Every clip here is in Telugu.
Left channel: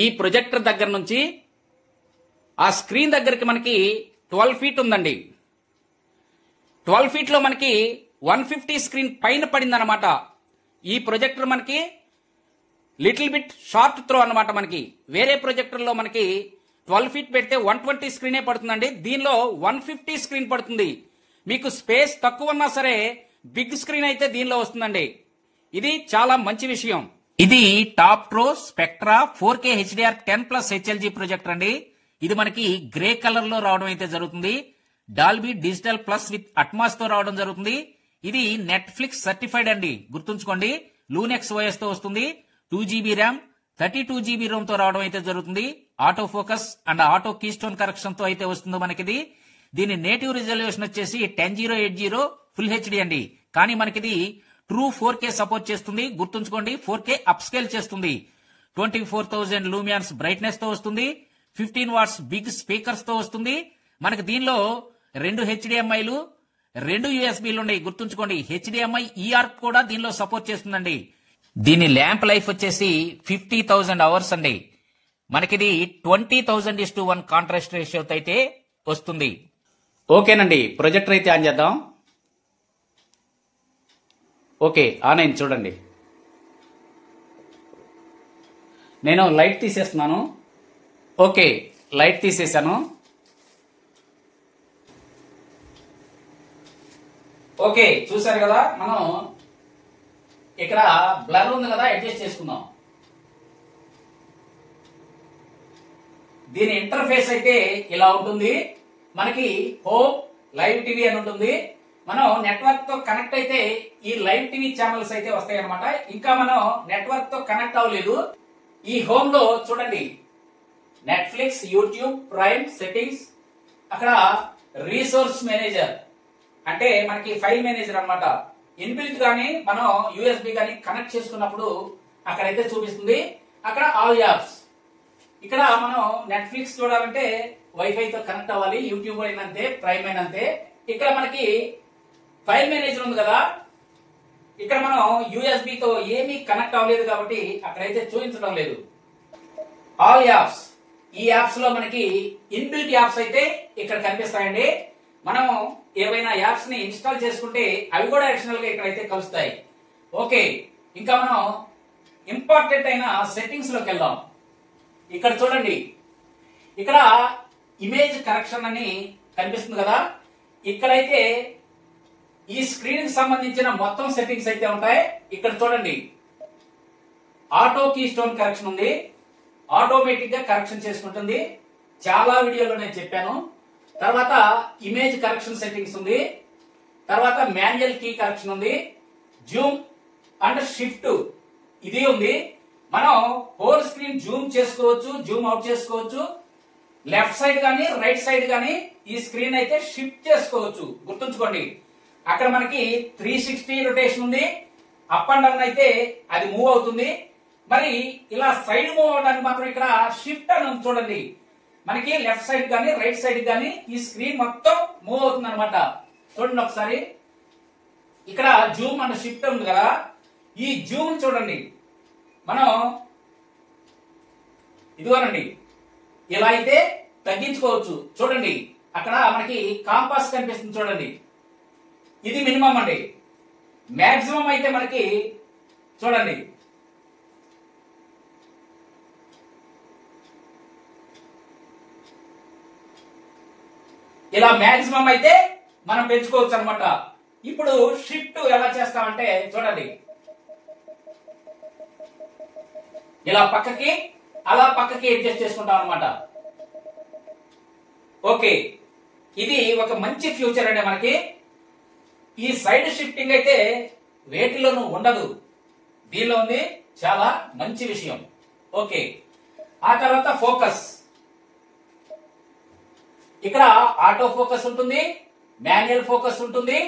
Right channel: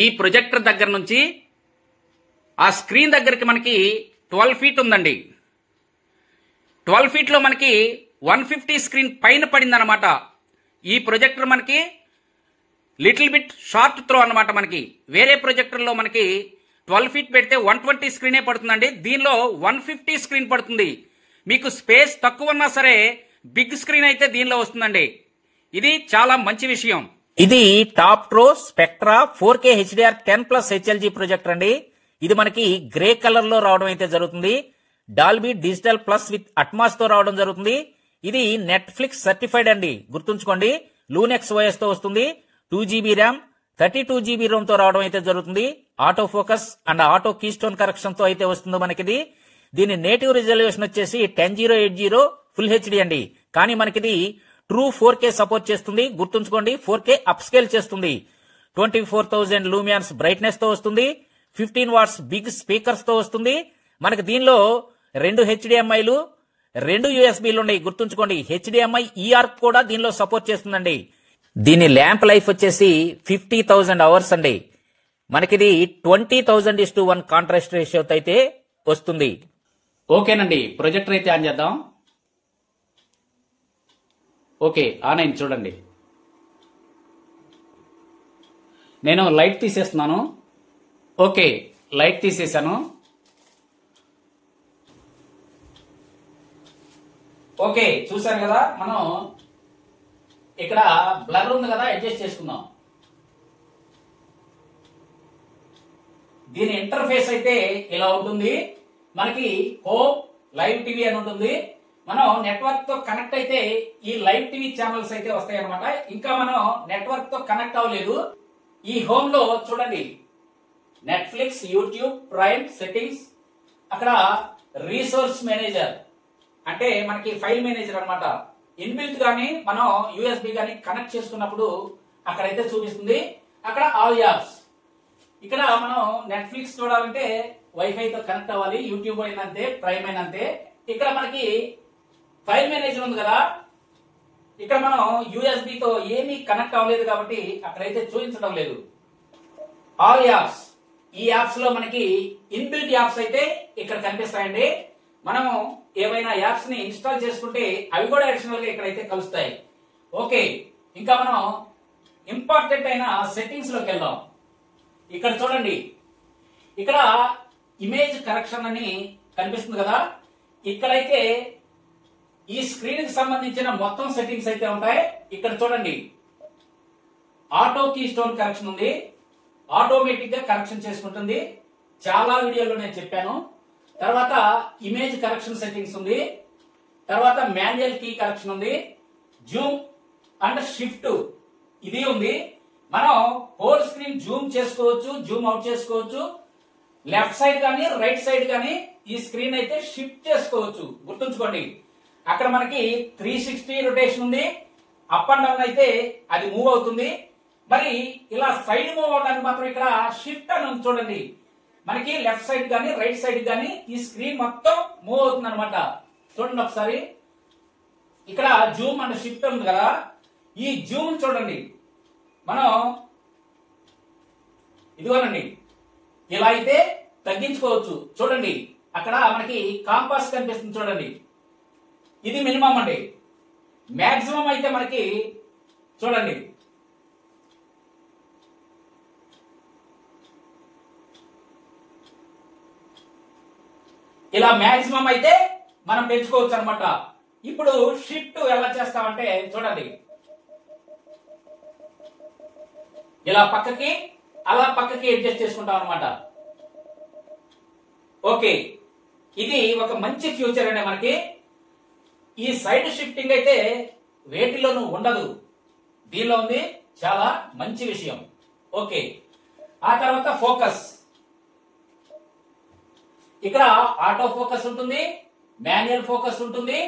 ఈ ప్రొజెక్టర్ దగ్గర నుంచి ఆ స్క్రీన్ దగ్గరికి మనకి 12 ఫీట్ ఉందండి. 12 ఫీట్లో మనకి 150 స్క్రీన్ పైన పడింది అనమాట. ఈ ప్రొజెక్టర్ మనకి లిటిల్ బిట్ షార్ట్ త్రో అనమాట. మనకి వేరే ప్రొజెక్టర్లో మనకి 12 ఫీట్ పెడితే 120 స్క్రీనే పడుతుందండి. దీనిలో 150 స్క్రీన్ పడుతుంది. మీకు స్పేస్ తక్కువ ఉన్నా సరే బిగ్ స్క్రీన్ అయితే దీనిలో వస్తుందండి. ఇది చాలా మంచి విషయం. ఇది top pro spectra 4K HDR 10+ HLG projector అండి. ఇది మనకి గ్రే కలర్ లో రావడం అయితే జరుగుతుంది. Dolby digital plus with Atmos తో రావడం జరుగుతుంది. ఇది నెట్ఫ్లిక్స్ సర్టిఫైడ్ అండి, గుర్తుంచుకోండి. లూనెక్స్ OS తో వస్తుంది. 2GB ర్యామ్ 32GB రోమ్ తో రావడం అయితే జరుగుతుంది. Auto focus and auto keystone correction తో అయితే వస్తుంది మనకిది. దీని నేటివ్ రిజల్యూషన్ వచ్చేసి 10080 ఫుల్ హెచ్డి అండి. కానీ మనకిది ట్రూ 4K సపోర్ట్ చేస్తుంది, గుర్తుంచుకోండి. 4K అప్ స్కేల్ చేస్తుంది. 24,000 లూమియాన్స్ బ్రైట్నెస్ తో వస్తుంది. 15 వాట్స్ బిగ్ స్పీకర్స్ తో వస్తుంది. మనకి దీనిలో 2 HDMIలు 2 USBలు ఉన్నాయి, గుర్తుంచుకోండి. HDMI ER కూడా దీనిలో సపోర్ట్ చేస్తుందండి. దీని ల్యాంప్ లైఫ్ వచ్చేసి 50,000 అవర్స్ అండి. మనకిది 20,000:1 కాంట్రాస్ట్ రేషియోతో అయితే వస్తుంది. ఓకేనండి, ప్రొజెక్టర్ అయితే ఆన్ చేద్దాం. ఓకే, ఆన్ అయింది చూడండి. నేను లైట్ తీసేస్తున్నాను. ఓకే, లైట్ తీసేసాను. ఓకే, చూసారు కదా. మనం ఇక్కడ బ్లర్ ఉంది కదా, అడ్జస్ట్ చేసుకుందాం. దీని ఇంటర్ఫేస్ అయితే ఇలా ఉంటుంది. మనకి హోమ్ లైవ్ టీవీ అని ఉంటుంది. మనం నెట్వర్క్ తో కనెక్ట్ అయితే ఈ లైవ్ టీవీ ఛానల్స్ అయితే వస్తాయి అనమాట. ఇంకా మనం నెట్వర్క్ తో కనెక్ట్ అవ్వలేదు. ఈ హోమ్ లో చూడండి, నెట్ఫ్లిక్స్, యూట్యూబ్, ప్రైమ్, సెట్టింగ్స్, అక్కడ రీసోర్స్ మేనేజర్ అంటే మనకి ఫైల్ మేనేజర్ అనమాట. ఇన్బిల్ట్ గానీ మనం USB గానీ కనెక్ట్ చేసుకున్నప్పుడు అక్కడైతే చూపిస్తుంది. అక్కడ ఆల్ యాప్స్. ఇక్కడ మనం నెట్ఫ్లిక్స్ చూడాలంటే వైఫై తో కనెక్ట్ అవ్వాలి. యూట్యూబ్ అయినంతే, ప్రైమ్ అయినంతే. ఇక్కడ మనకి ఫైల్ మేనేజర్ ఉంది కదా, ఇక్కడ మనం USB తో ఏమీ కనెక్ట్ అవ్వలేదు కాబట్టి అక్కడైతే చూపించడం లేదు. ఆల్ యాప్స్, ఈ యాప్స్ లో మనకి ఇన్బిల్ట్ యాప్స్ అయితే ఇక్కడ కనిపిస్తాయండి. మనం ఏవైనా యాప్స్ ని ఇన్స్టాల్ చేసుకుంటే అవి కూడా అడిషనల్ గా ఇక్కడైతే కలుస్తాయి. ఓకే, ఇంకా మనం ఇంపార్టెంట్ అయిన సెట్టింగ్స్ లోకి వెళ్దాం. ఇక్కడ చూడండి, ఇక్కడ ఇమేజ్ కరెక్షన్ అని కనిపిస్తుంది కదా. ఇక్కడైతే ఈ స్క్రీన్ కి సంబంధించిన మొత్తం సెట్టింగ్స్ అయితే ఉంటాయి. ఇక్కడ చూడండి, ఆటో కీ స్టోన్ కరెక్షన్ ఉంది. ఆటోమేటిక్ గా కరెక్షన్ చేసుకుంటుంది. చాలా వీడియోలో నేను చెప్పాను. తర్వాత ఇమేజ్ కరెక్షన్ సెట్టింగ్స్ ఉంది. తర్వాత మాన్యువల్ కీ కరెక్షన్ ఉంది. జూమ్ అండ్ షిఫ్ట్ ఇది ఉంది. మనం హోల్ స్క్రీన్ జూమ్ చేసుకోవచ్చు, జూమ్ అవుట్ చేసుకోవచ్చు. లెఫ్ట్ సైడ్ గానీ రైట్ సైడ్ గానీ ఈ స్క్రీన్ అయితే షిఫ్ట్ చేసుకోవచ్చు, గుర్తుంచుకోండి. అక్కడ మనకి 360 రొటేషన్ ఉంది. అప్ అండ్ డౌన్ అయితే అది మూవ్ అవుతుంది. మరి ఇలా సైడ్ మూవ్ అవడానికి మాత్రం ఇక్కడ షిఫ్ట్ అని ఉంది చూడండి. మనకి లెఫ్ట్ సైడ్ గానీ రైట్ సైడ్ గానీ ఈ స్క్రీన్ మొత్తం మూవ్ అవుతుంది అనమాట. చూడండి ఒకసారి, ఇక్కడ జూమ్ అండ్ షిఫ్ట్ ఉంది కదా. ఈ జూమ్ చూడండి, మనం ఇదిగోనండి ఇలా అయితే తగ్గించుకోవచ్చు. చూడండి, అక్కడ మనకి కాంపాస్ కనిపిస్తుంది చూడండి. ఇది మినిమం అండి. మాక్సిమం అయితే మనకి చూడండి, ఇలా మాక్సిమం అయితే మనం పెంచుకోవచ్చు అనమాట. ఇప్పుడు షిఫ్ట్ ఎలా చేస్తామంటే చూడండి, ఇలా పక్కకి అలా పక్కకి అడ్జస్ట్ చేసుకుంటాం అనమాట. ఓకే, ఇది ఒక మంచి ఫ్యూచర్ అండి మనకి. ఈ సైడ్ షిఫ్టింగ్ అయితే వేటిలోనూ ఉండదు, దీనిలో ఉంది. చాలా మంచి విషయం. ఓకే, ఆ తర్వాత ఫోకస్. ఇక్కడ ఆటో ఫోకస్ ఉంటుంది, మాన్యువల్ ఫోకస్ ఉంటుంది,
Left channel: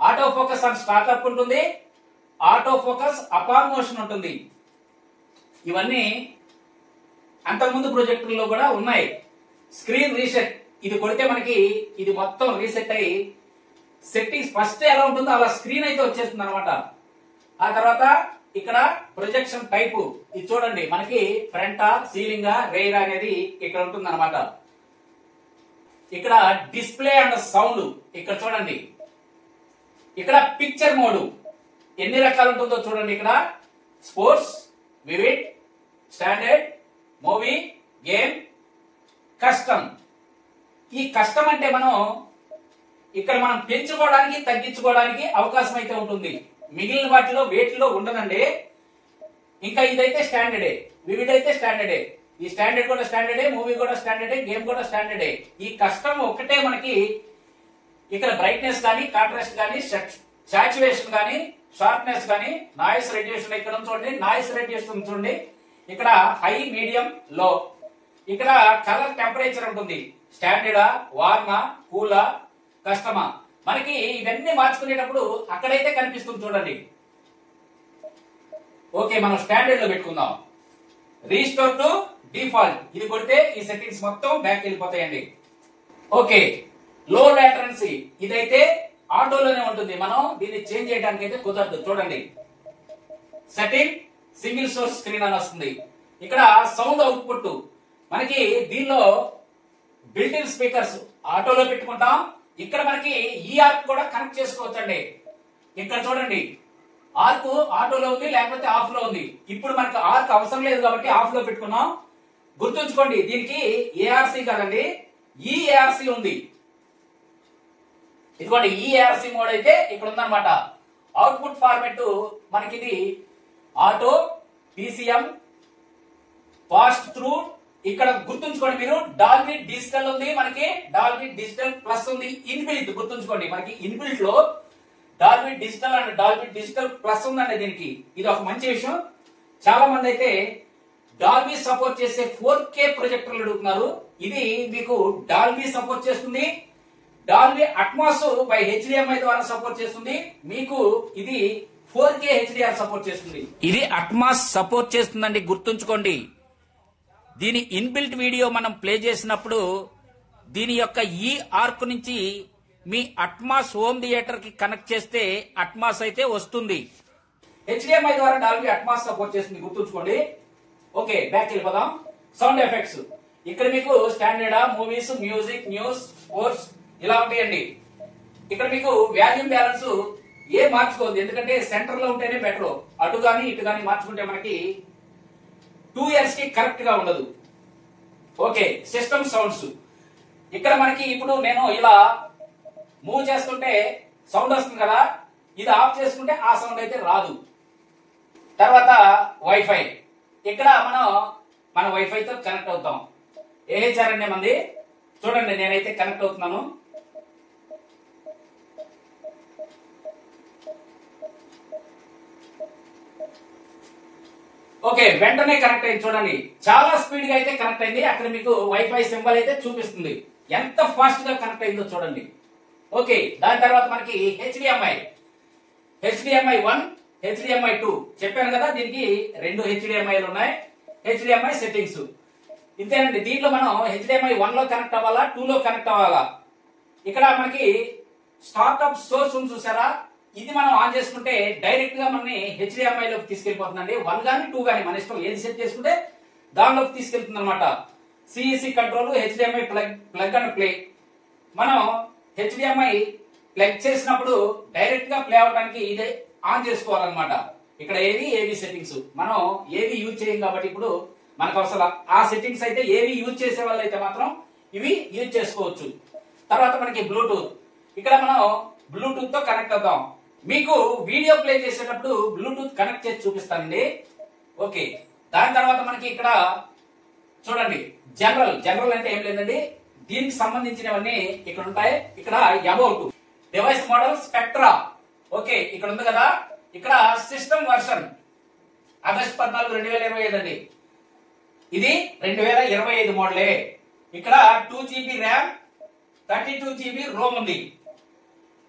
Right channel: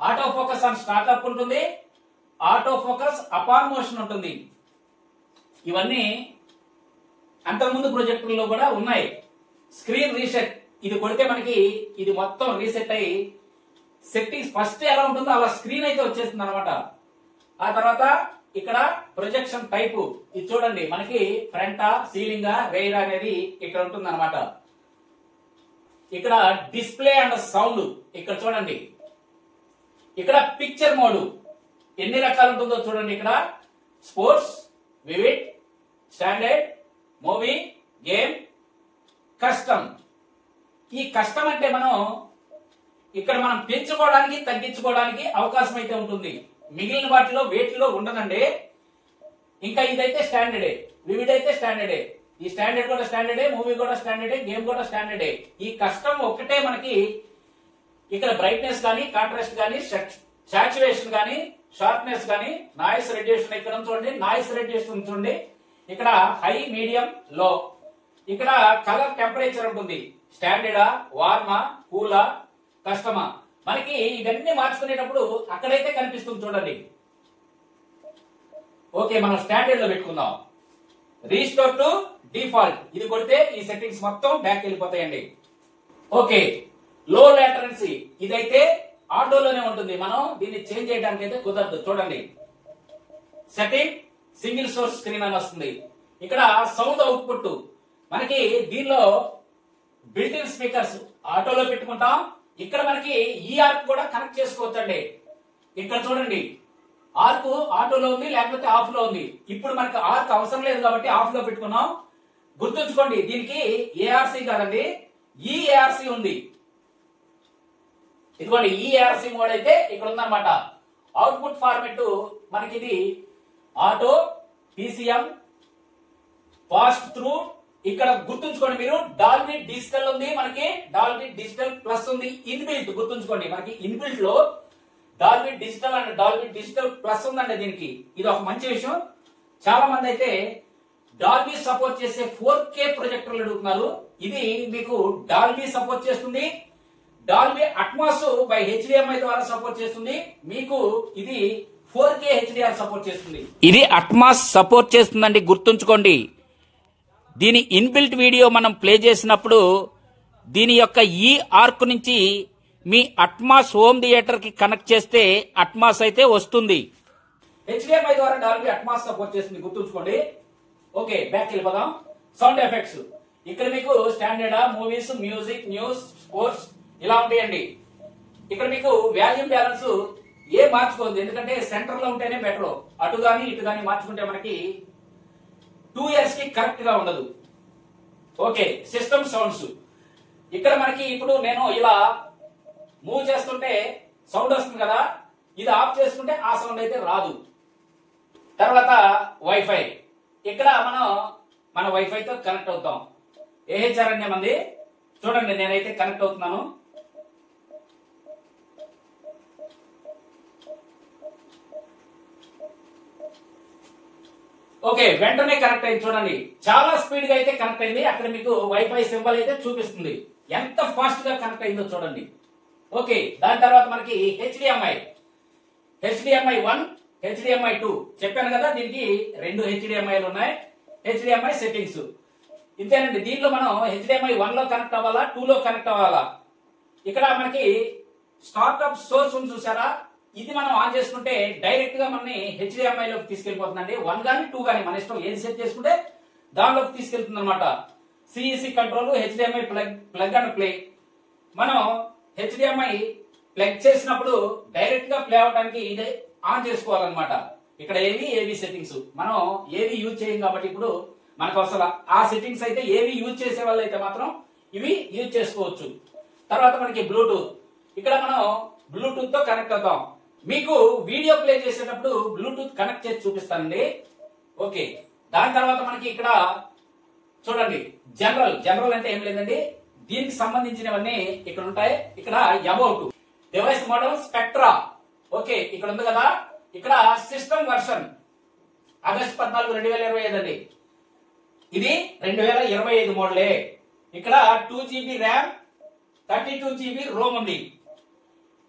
ఆటో ఫోకస్ ఆన్ స్టార్ట్అప్ ఉంటుంది, ఆటో ఫోకస్ అపాన్ మోషన్ ఉంటుంది. ఇవన్నీ అంతకుముందు ప్రొజెక్టర్లో కూడా ఉన్నాయి. స్క్రీన్ రీసెట్, ఇది కొడితే మనకి ఇది మొత్తం రీసెట్ అయ్యి సెట్టింగ్స్ ఫస్ట్ ఎలా ఉంటుందో అలా స్క్రీన్ అయితే వచ్చేస్తుంది అనమాట. ఆ తర్వాత ఇక్కడ ప్రొజెక్షన్ టైపు ఇది చూడండి, మనకి ఫ్రంట్ సీలింగ్ రైర్ అనేది ఇక్కడ ఉంటుంది అనమాట. ఇక్కడ డిస్ప్లే అండ్ సౌండ్ ఇక్కడ చూడండి. ఇక్కడ పిక్చర్ మోడ్ ఎన్ని రకాలు ఉంటుందో చూడండి. ఇక్కడ sports, vivid, standard, movie, game, custom. ఈ కస్టమ్ అంటే ఇక్కడ మనం పెంచుకోవడానికి తగ్గించుకోవడానికి అవకాశం అయితే ఉంటుంది. మిగిలిన వాటిలో వేటిలో ఉండదండి. ఇంకా ఇదైతే స్టాండర్డే, వివిడ్ అయితే స్టాండర్డే, ఈ స్టాండర్డ్ కూడా స్టాండర్డే, మూవీ కూడా స్టాండర్డే, గేమ్ కూడా స్టాండర్డే. ఈ కస్టమ్ ఒక్కటే మనకి ఇక్కడ బ్రైట్నెస్ కానీ, కాంట్రాస్ట్ కానీ, సాచురేషన్ కానీ, షార్ప్నెస్ కానీ, నాయిస్ రెడ్యూషన్ ఇక్కడ చూడండి, నాయిస్ రెడ్యూషన్ చూడండి. ఇక్కడ హై, మీడియం, లో. ఇక్కడ కలర్ టెంపరేచర్ ఉంటుంది, స్టాండర్డా, వార్మా, కూలా, కస్టమా. మనకి ఇవన్నీ మార్చుకునేటప్పుడు అక్కడైతే కనిపిస్తుంది చూడండి. ఓకే, మనం స్టాండర్డ్ లో పెట్టుకుందాం. రీస్టోర్ టు డిఫాల్ట్ ఇది కొడితే ఈ సెట్టింగ్స్ మొత్తం బ్యాక్ వెళ్ళిపోతాయండి. ఓకే, లో లాటెన్సీ ఇదైతే ఆటోలోనే ఉంటుంది, మనం దీన్ని చేంజ్ చేయడానికి అయితే కుదరదు. చూడండి, సెట్టింగ్ సింగిల్ సోర్స్ స్క్రీన్ అని వస్తుంది. ఇక్కడ సౌండ్ అవుట్పుట్ మనకి దీనిలో బిల్ట్ ఇన్ స్పీకర్స్ ఆటోలో పెట్టుకుంటాం. ఇక్కడ మనకి ఈ ఆర్క్ కూడా కనెక్ట్ చేసుకోవచ్చండి. ఇక్కడ చూడండి, ఆర్క్ ఆటోలో ఉంది, లేకపోతే ఆఫ్ లో ఉంది. ఇప్పుడు మనకు ఆర్క్ అవసరం లేదు కాబట్టి ఆఫ్ లో పెట్టుకున్నాం. గుర్తుంచుకోండి, దీనికి ఏఆర్సీ కాదండి, ఈఏఆర్సీ ఉంది. ఇదిగోండి, ఈఏఆర్సీ మోడ్ అయితే ఇక్కడ ఉందన్నమాట. అవుట్పుట్ ఫార్మెట్ మనకి ఇది ఆటో, పీసీఎం, పాస్ట్ త్రూ. ఇక్కడ గుర్తుంచుకోండి మీరు, డాల్బీ డిజిటల్ ఉంది, మనకి డాల్బీ డిజిటల్ ప్లస్ ఉంది, ఇన్బిల్ట్. గుర్తుంచుకోండి, మనకి ఇన్బిల్ట్ లో Dolby digital and Dolby digital plus ఉందండి. దీనికి ఇది ఒక మంచి విషయం. చాలా మంది అయితే డాల్బీ సపోర్ట్ చేసే 4K ప్రొజెక్టర్లు అడుగుతున్నారు. ఇది మీకు డాల్బీ సపోర్ట్ చేస్తుంది. డాల్బీ అట్మాస్ బై హెచ్డిఎంఐ ద్వారా సపోర్ట్ చేస్తుంది. మీకు ఇది 4K హెచ్డిఆర్ సపోర్ట్ చేస్తుంది. ఇది అట్మాస్ సపోర్ట్ చేస్తుందండి, గుర్తుంచుకోండి. దీని ఇన్బిల్ట్ వీడియో మనం ప్లే చేసినప్పుడు దీని యొక్క ఈ ఆర్క్ నుంచి మీ అట్మాస్ హోమ్ థియేటర్ కి కనెక్ట్ చేస్తే అట్మాస్ అయితే వస్తుంది. హెచ్డిఎంఐ ద్వారా డాల్బీ అట్మాస్ సపోర్ట్ చేస్తుంది, గుర్తుంచుకోండి. ఓకే, బ్యాక్ వెళ్ళిపోదాం. సౌండ్ ఎఫెక్ట్స్ ఇక్కడ మీకు standard, movies, music, news, sports ఇలా ఉంటాయండి. ఇక్కడ మీకు వాల్యూమ్ బ్యాలెన్స్ ఏ మార్చుకోవద్దు, ఎందుకంటే సెంటర్ లో ఉంటేనే బెటర్. అటు గాని ఇటు గాని మార్చుకుంటే మనకి 2 ఇయర్స్ కి కరెక్ట్ గా ఉండదు. ఓకే, సిస్టమ్ సౌండ్స్ ఇక్కడ మనకి ఇప్పుడు నేను ఇలా మూవ్ చేస్తుంటే సౌండ్ వస్తుంది కదా, ఇది ఆఫ్ చేసుకుంటే ఆ సౌండ్ అయితే రాదు. తర్వాత వైఫై, ఇక్కడ మన వైఫైతో కనెక్ట్ అవుతాం. ఏహెచ్ఆర్ అనే మంది చూడండి, నేనైతే కనెక్ట్ అవుతున్నాను. ఓకే, వెంటనే కనెక్ట్ అయింది చూడండి, చాలా స్పీడ్ గా అయితే కనెక్ట్ అయింది. అక్కడ మీకు వైఫై సింబల్ అయితే చూపిస్తుంది, ఎంత ఫాస్ట్ గా కనెక్ట్ అయిందో చూడండి. ఓకే, దాని తర్వాత మనకి హెచ్డిఎంఐ 1, హెచ్డిఎంఐ 2 చెప్పాను కదా, దీనికి 2 హెచ్డిఎంఐలు ఉన్నాయి. హెచ్డిఎంఐ సెట్టింగ్స్ ఇంతేనండి. దీంట్లో మనం హెచ్డిఎంఐ 1 లో కనెక్ట్ అవ్వాలా, 2 లో కనెక్ట్ అవ్వాలా. ఇక్కడ మనకి స్టార్ట్అప్ సోర్స్ ఉంది చూసారా, ఇది మనం ఆన్ చేసుకుంటే డైరెక్ట్ గా మనని హెచ్డిఎంఐ లోకి తీసుకెళ్లిపోతుందండి. 1 గానీ 2 గానీ మన ఇష్టం, ఏది సెట్ చేసుకుంటే దానిలోకి తీసుకెళ్తుంది అనమాట. CEC control, HDMI plug and play. మనం హెచ్డిఎంఐ ప్లగ్ చేసినప్పుడు డైరెక్ట్ గా ప్లే అవడానికి ఇదే ఆన్ చేసుకోవాలన్నమాట. ఇక్కడ ఏవి సెట్టింగ్స్ మనం ఏవి యూజ్ చేయం కాబట్టి ఇప్పుడు మనకు అసలు ఆ సెట్టింగ్స్ అయితే ఏవి యూజ్ చేసే వాళ్ళు అయితే మాత్రం ఇవి యూజ్ చేసుకోవచ్చు. తర్వాత మనకి బ్లూటూత్, ఇక్కడ మనం బ్లూటూత్ తో కనెక్ట్ అవుతాం. మీకు వీడియో ప్లే చేసేటప్పుడు బ్లూటూత్ కనెక్ట్ చేసి చూపిస్తానండి. ఓకే, దాని తర్వాత మనకి ఇక్కడ చూడండి, జనరల్ అంటే ఏం లేదండి, దీనికి సంబంధించినవన్నీ ఇక్కడ ఉంటాయి. ఇక్కడ about device model spectra. Okay, ఇక్కడ ఉంది కదా, ఇక్కడ సిస్టమ్ వర్షన్ ఆగస్టు 14, 2025 అండి. ఇది 2025 మోడలే. ఇక్కడ 2GB ర్యామ్, 32GB రోమ్ ఉంది.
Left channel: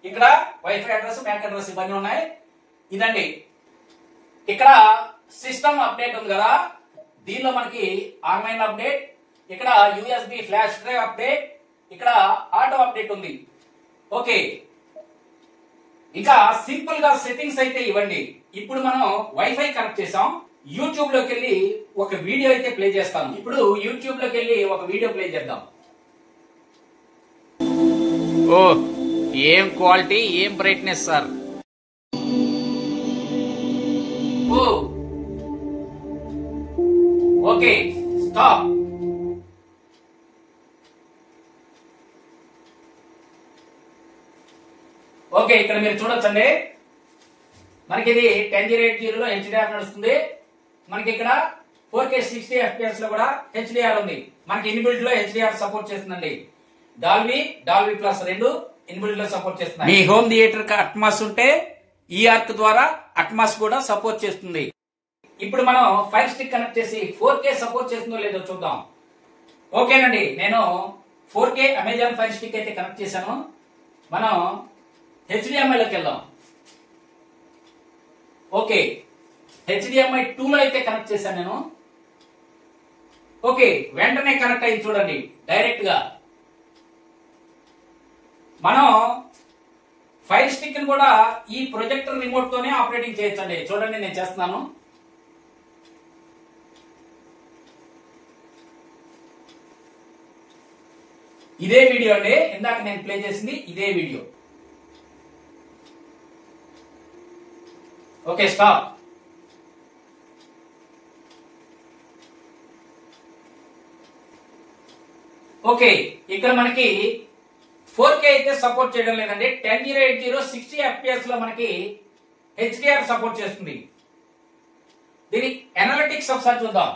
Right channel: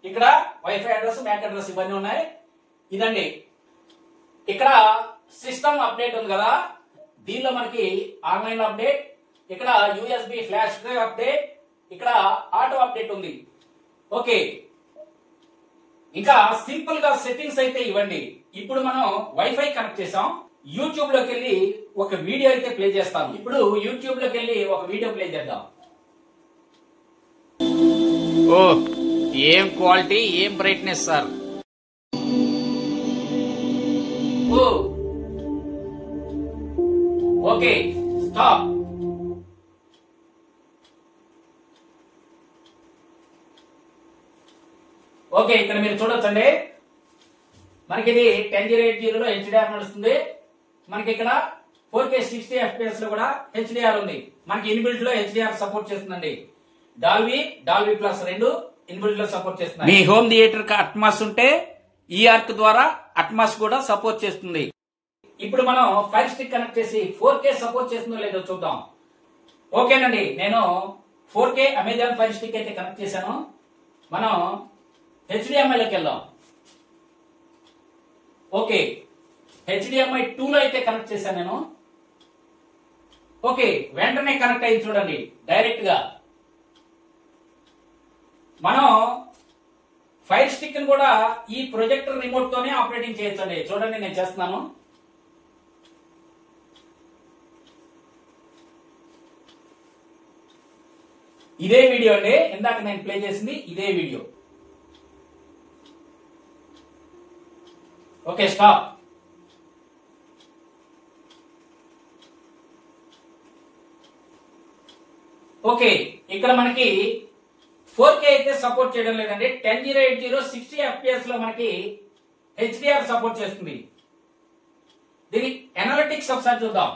ఇక్కడ వైఫై అడ్రస్, మ్యాక్ అడ్రస్ ఇవన్నీ ఉన్నాయి. ఇదండి, ఇక్కడ సిస్టమ్ అప్డేట్ ఉంది కదా, దీనిలో మనకి ఆన్లైన్ అప్డేట్, ఇక్కడ యూఎస్బి ఫ్లాష్ డ్రైవ్ అప్డేట్, ఇక్కడ ఆటో అప్డేట్ ఉంది. ఓకే, ఇంకా సింపుల్ గా సెట్టింగ్స్ అయితే ఇవ్వండి. ఇప్పుడు మనం వైఫై కనెక్ట్ చేసాం. యూట్యూబ్ లోకి వెళ్ళి ఒక వీడియో అయితే ప్లే చేస్తాను. ఇప్పుడు యూట్యూబ్ లోకి వెళ్ళి ఒక వీడియో ప్లే చేద్దాం. ఓ ఏం క్వాలిటీ, ఏం బ్రైట్నెస్ సార్. ఓ ఓకే, స్టాప్. ఓకే, ఇక్కడ మీరు చూడొచ్చండి, మనకి ఇది 1080 లో హెచ్డిఆర్ నడుస్తుంది. మనకి ఇక్కడ 4K 60 FPS లో కూడా హెచ్డిఆర్ ఉంది. మనకి ఇన్బిల్ట్ లో హెచ్డిఆర్ సపోర్ట్ చేస్తుందండి. డాల్బీ ప్లస్ రెండు ఇన్బిల్ట్ లో సపోర్ట్ చేస్తుంది. మీ హోమ్ థియేటర్ కి అట్మాస్ ఉంటే ఈ ఆర్క్ ద్వారా అట్మాస్ కూడా సపోర్ట్ చేస్తుంది. ఇప్పుడు మనం ఫైర్ స్టిక్ కనెక్ట్ చేసి 4K సపోర్ట్ చేస్తుందో లేదో చూద్దాం. ఓకేనండి, నేను 4K అమెజాన్ ఫైర్ స్టిక్ అయితే కనెక్ట్ చేశాను. మనం HDMI లోకి వెళ్దాం. ఓకే, HDMI 2 లో అయితే కనెక్ట్ చేశాను నేను. ఓకే, వెంటనే కనెక్ట్ అయ్యి చూడండి డైరెక్ట్ గా. మనం ఫైర్ స్టిక్ ని కూడా ఈ ప్రొజెక్టర్ రిమోట్ తోనే ఆపరేటింగ్ చేయొచ్చండి. చూడండి, నేను చేస్తున్నాను. ఇదే వీడియో అండి, ఇందాక నేను ప్లే చేసింది ఇదే వీడియో. Okay, stop. ఓకే, ఇక్కడ మనకి 4K అయితే సపోర్ట్ చేయడం లేదండి. 1080 60 FPS లో మనకి హెచ్డిఆర్ సపోర్ట్ చేస్తుంది. దీని అనలిటిక్స్ ఒకసారి చూద్దాం.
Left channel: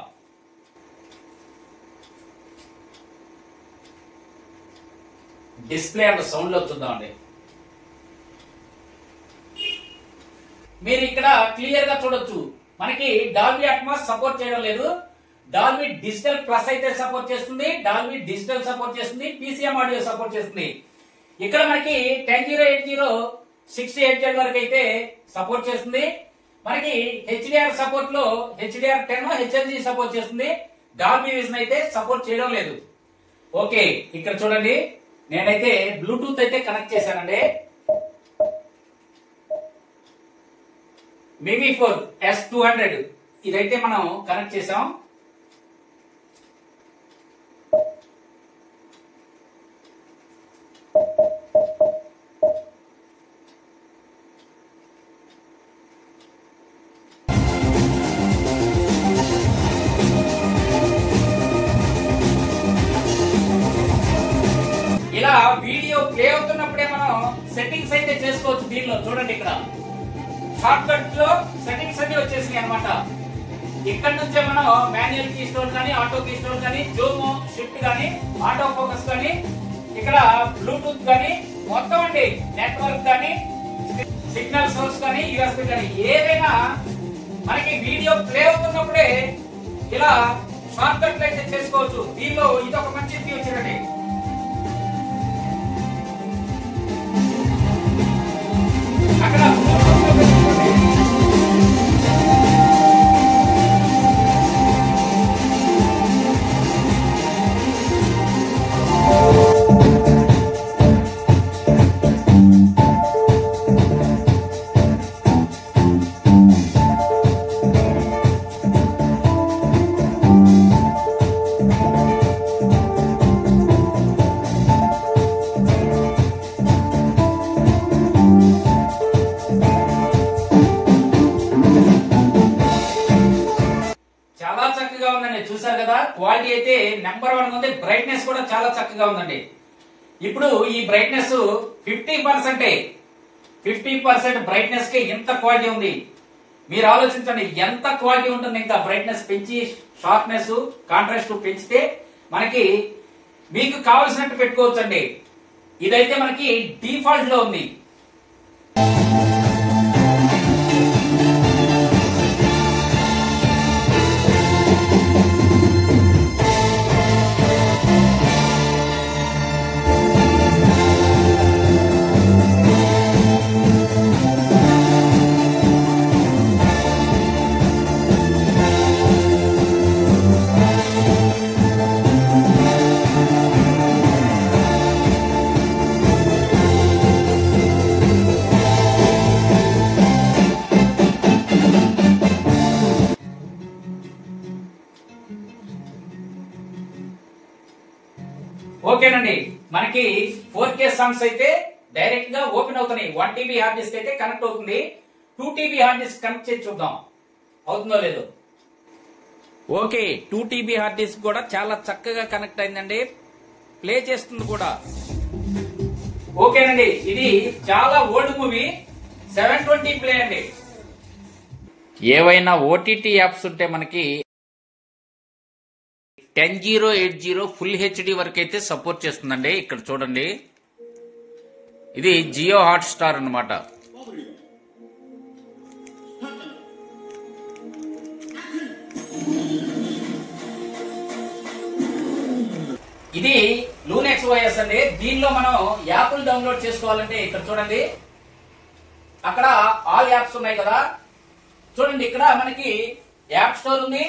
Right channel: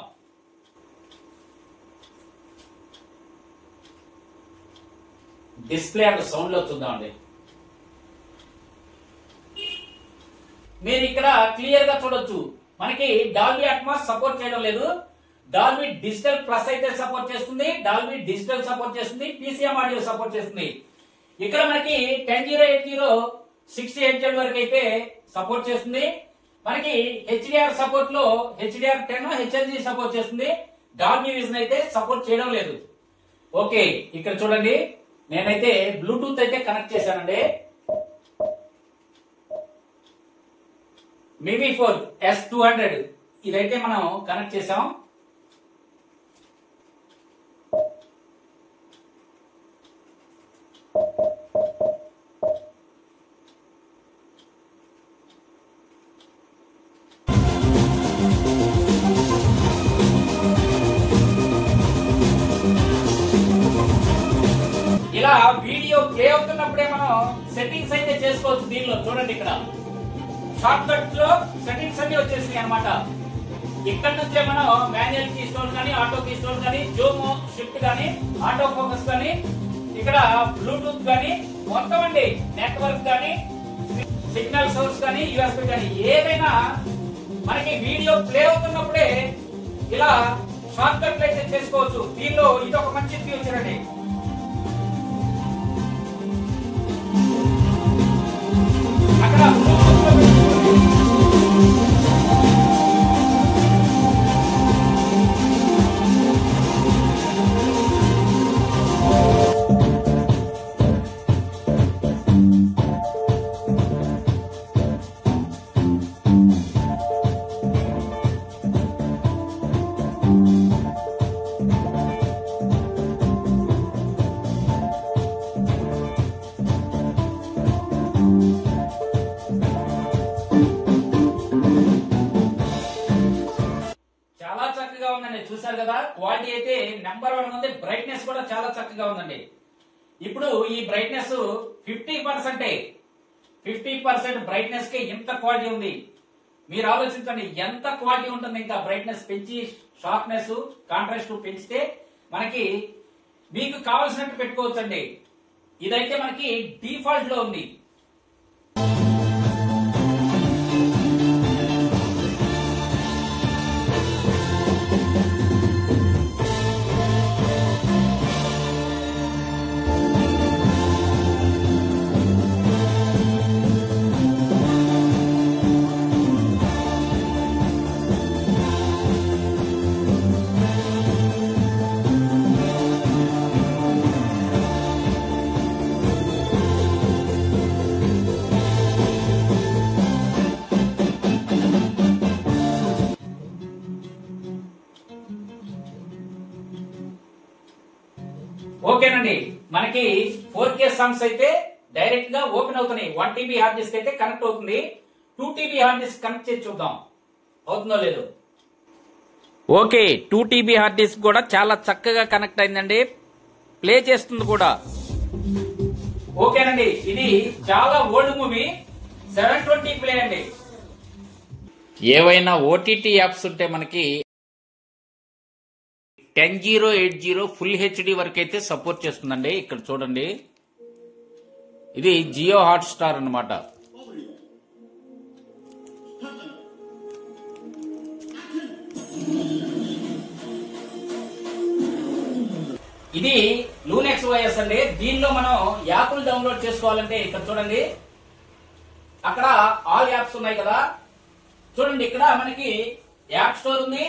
డిస్ప్లే అండ్ సౌండ్ లో చూద్దాం అండి. మీరు ఇక్కడ క్లియర్ గా చూడొచ్చు, మనకి డాల్బీ అట్మాస్ సపోర్ట్ చేయడం లేదు. డాల్బీ డిజిటల్ ప్లస్ అయితే సపోర్ట్ చేస్తుంది, డాల్బీ డిజిటల్ సపోర్ట్ చేస్తుంది, PCM ఆడియో సపోర్ట్ చేస్తుంది. ఇక్కడ మనకి 1080 లో 60 Hz వరకు అయితే సపోర్ట్ చేస్తుంది. మనకి హెచ్డిఆర్ సపోర్ట్ లో HDR10 HLG సపోర్ట్ చేస్తుంది. డాల్బీ విజన్ అయితే సపోర్ట్ చేయడం లేదు. ఓకే, ఇక్కడ చూడండి, నేనైతే బ్లూటూత్ అయితే కనెక్ట్ చేశానండి. MIMI 4 S200 ఇదైతే మనం కనెక్ట్ చేసాం. ఇలా వీడియో ప్లే అవుతున్నప్పుడే మనం సెట్టింగ్స్ అయితే చేసుకోవచ్చు. దీనిలో చూడండి, ఇక్కడ షార్ట్ కట్ లో సెట్టింగ్స్ అన్ని వచ్చేసినాయి అనమాట. ఇక్కడ నుంచే మనం మాన్యువల్ కీ స్టోర్ కానీ, ఆటో కీ స్టోర్ కానీ, జూమ్ షిఫ్ట్ కానీ, ఆటో ఫోకస్ కానీ, ఇక్కడ బ్లూటూత్ కానీ, మొత్తం అండి నెట్వర్క్ కానీ, సిగ్నల్ సోర్స్ కానీ, USB కానీ, ఏదైనా మనకి వీడియో ప్లే అవుతున్నప్పుడే ఇలా షార్ట్ కట్ అయితే చేసుకోవచ్చు. దీనిలో ఇది ఒక మంచి ఫ్యూచర్ అండి. అక్కడ చూసారు కదా, క్వాలిటీ అయితే నెంబర్ 1 ఉంది. బ్రైట్నెస్ కూడా చాలా చక్కగా ఉందండి. ఇప్పుడు ఈ బ్రైట్నెస్ 50% బ్రైట్నెస్ కి ఎంత క్వాలిటీ ఉంది మీరు ఆలోచించండి. ఎంత క్వాలిటీ ఉంటుంది. ఇంకా బ్రైట్నెస్ పెంచి షార్ప్నెస్ కాంట్రాస్ట్ పెంచితే మనకి మీకు కావాల్సినట్టు పెట్టుకోవచ్చండి. ఇదైతే మనకి డిఫాల్ట్ లో ఉంది. ఓకేనండి, మనకి 4K సాంగ్స్ అయితే డైరెక్ట్ గా ఓపెన్ అవుతున్నాయి. 1 TB హార్డ్ డిస్క్ అయితే కనెక్ట్ అవుతుంది. 2 TB హార్డ్ డిస్క్ కనెక్ట్ చేసి చూద్దాం అవుతుందో లేదో. ఓకే, 2 TB హార్డ్ డిస్క్ కూడా చాలా చక్కగా కనెక్ట్ అయిందండి, ప్లే చేస్తుంది కూడా. ఓకేనండి, ఇది చాలా ఓల్డ్ మూవీ 720 ప్లే అండి. ఏవైనా ఓటీటీ యాప్స్ ఉంటే మనకి 10080 ఫుల్ హెచ్డి వరకు అయితే సపోర్ట్ చేస్తుందండి. ఇక్కడ చూడండి, ఇది జియో హాట్ స్టార్ అన్నమాట. ఇది లూనెక్స్ OS అండి. దీనిలో మనం యాప్లు డౌన్లోడ్ చేసుకోవాలంటే ఇక్కడ చూడండి, అక్కడ ఆల్ యాప్స్ ఉన్నాయి కదా. చూడండి, ఇక్కడ మనకి యాప్ స్టోర్ ఉంది,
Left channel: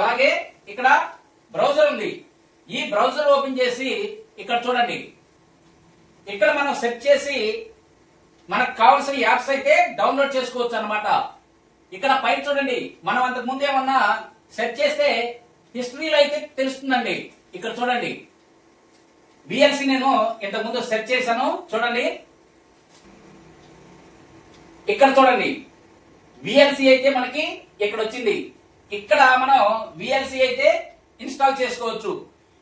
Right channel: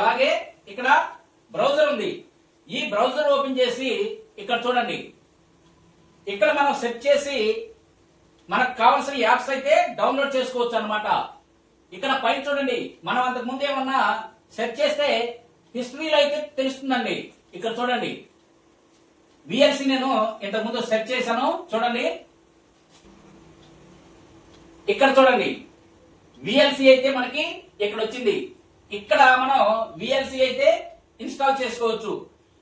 అలాగే ఇక్కడ బ్రౌజర్ ఉంది. ఈ బ్రౌజర్ ఓపెన్ చేసి ఇక్కడ చూడండి, ఇక్కడ మనం సెర్చ్ చేసి మనకు కావాల్సిన యాప్స్ అయితే డౌన్లోడ్ చేసుకోవచ్చు అన్నమాట. ఇక్కడ పైన చూడండి, మనం అంతకు ముందు ఏమన్నా సెర్చ్ చేస్తే హిస్టరీలో అయితే తెలుస్తుందండి. ఇక్కడ చూడండి, VLC నేను ఇంతకు ముందు సెర్చ్ చేశాను. చూడండి, ఇక్కడ చూడండి, VLC అయితే మనకి ఇక్కడ వచ్చింది. ఇక్కడ మనం VLC అయితే ఇన్స్టాల్ చేసుకోవచ్చు.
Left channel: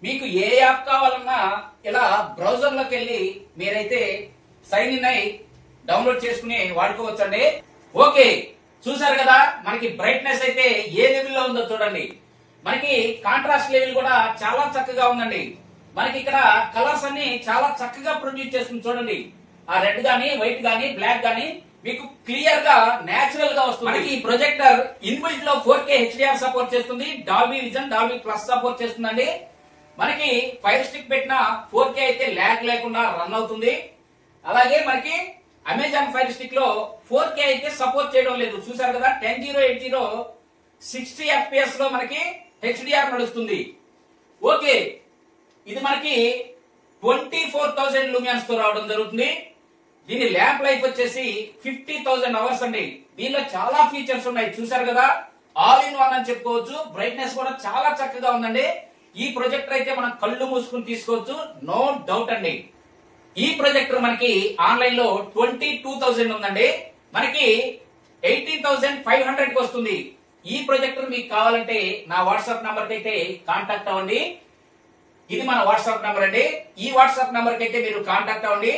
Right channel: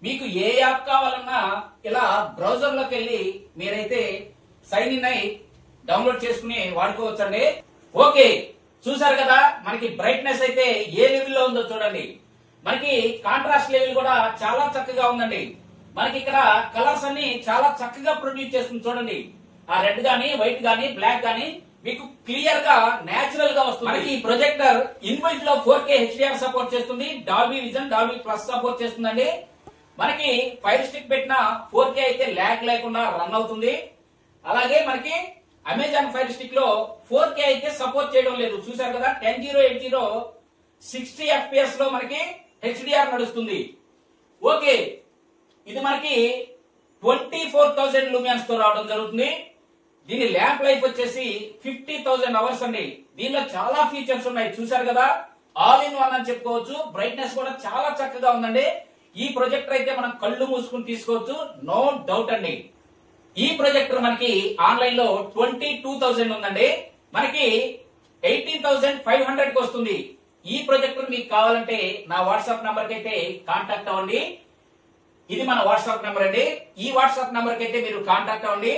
మీకు ఏ యాప్ కావాలన్నా ఇలా బ్రౌజర్ లోకి వెళ్ళి మీరైతే సైన్ ఇన్ అయి డౌన్లోడ్ చేసుకుని వాడుకోవచ్చండి. ఓకే, చూసారు కదా మనకి బ్రైట్నెస్ అయితే ఏ లెవెల్లో ఉందో చూడండి. మనకి కాంట్రాస్ట్ లెవెల్ కూడా చాలా చక్కగా ఉందండి. మనకి ఇక్కడ కలర్స్ అన్ని చాలా చక్కగా ప్రొడ్యూస్ చేస్తుంది. చూడండి, ఆ రెడ్ గానీ, వైట్ గానీ, బ్లాక్ గానీ మీకు క్లియర్ గా నేచురల్ గా వస్తుంది. మనకి ఈ ప్రొజెక్టర్ ఇన్బిల్ట్ లో 4K HDR సపోర్ట్ చేస్తుంది, Dolby vision, Dolby plus support చేస్తుందండి. మనకి ఫైర్ స్టిక్ పెట్టిన 4K అయితే ల్యాగ్ లేకుండా రన్ అవుతుంది. అలాగే మనకి అమెజాన్ ఫైర్ స్టిక్ లో 4K అయితే సపోర్ట్ చేయడం లేదు. చూసారు కదా, 10080 60 FPS లో మనకి HDR నడుస్తుంది. ఓకే, ఇది మనకి 24,000 లూమియన్స్ తో రావడం జరుగుతుంది. దీని ల్యాంప్ లైఫ్ వచ్చేసి 50,000 అవర్స్ అండి. దీనిలో చాలా ఫీచర్స్ ఉన్నాయి. చూసారు కదా, ఆల్ ఇన్ వన్ అని చెప్పుకోవచ్చు. బ్రైట్నెస్ కూడా చాలా చక్కగా ఉందండి. ఈ ప్రొజెక్టర్ అయితే మనం కళ్ళు మూసుకుని తీసుకోవచ్చు, నో డౌట్ అండి. ఈ ప్రొజెక్టర్ మనకి ఆన్లైన్ లో 22,000 ఉందండి. మనకి 18,500 కి వస్తుంది. ఈ ప్రొజెక్టర్ మీకు కావాలంటే నా వాట్సాప్ నంబర్ కి అయితే కాంటాక్ట్ అవ్వండి. ఇది మన వాట్సాప్ నంబర్ అండి. ఈ వాట్సాప్ నంబర్ కి అయితే మీరు కాంటాక్ట్ అవ్వండి.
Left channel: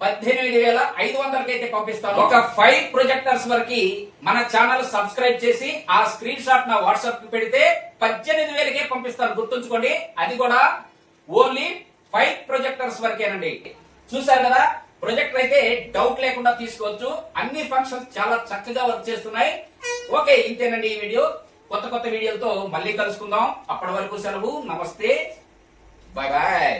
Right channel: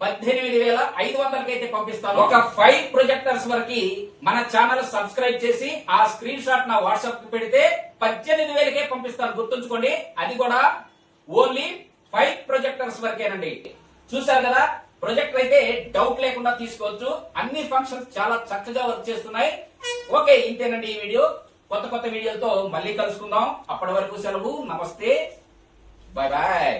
18,500 అయితే పంపిస్తాను. ఒక 5 ప్రొజెక్టర్స్ వరకు మన ఛానల్ సబ్స్క్రైబ్ చేసి ఆ స్క్రీన్ షాట్ నా వాట్సాప్ కి పెడితే 18,000కే పంపిస్తాను. గుర్తుంచుకోండి, అది కూడా ఓన్లీ 5 ప్రొజెక్టర్స్ వరకేనండి. చూసారు కదా, ప్రొజెక్టర్ అయితే డౌట్ లేకుండా తీసుకోవచ్చు. అన్ని ఫంక్షన్స్ చాలా చక్కగా వర్క్ చేస్తున్నాయి. ఓకే, ఇంతేనండి ఈ వీడియో. కొత్త వీడియోలతో మళ్ళీ కలుసుకుందాం. అప్పటి వరకు సెలవు, నమస్తే, బాయ్ బాయ్.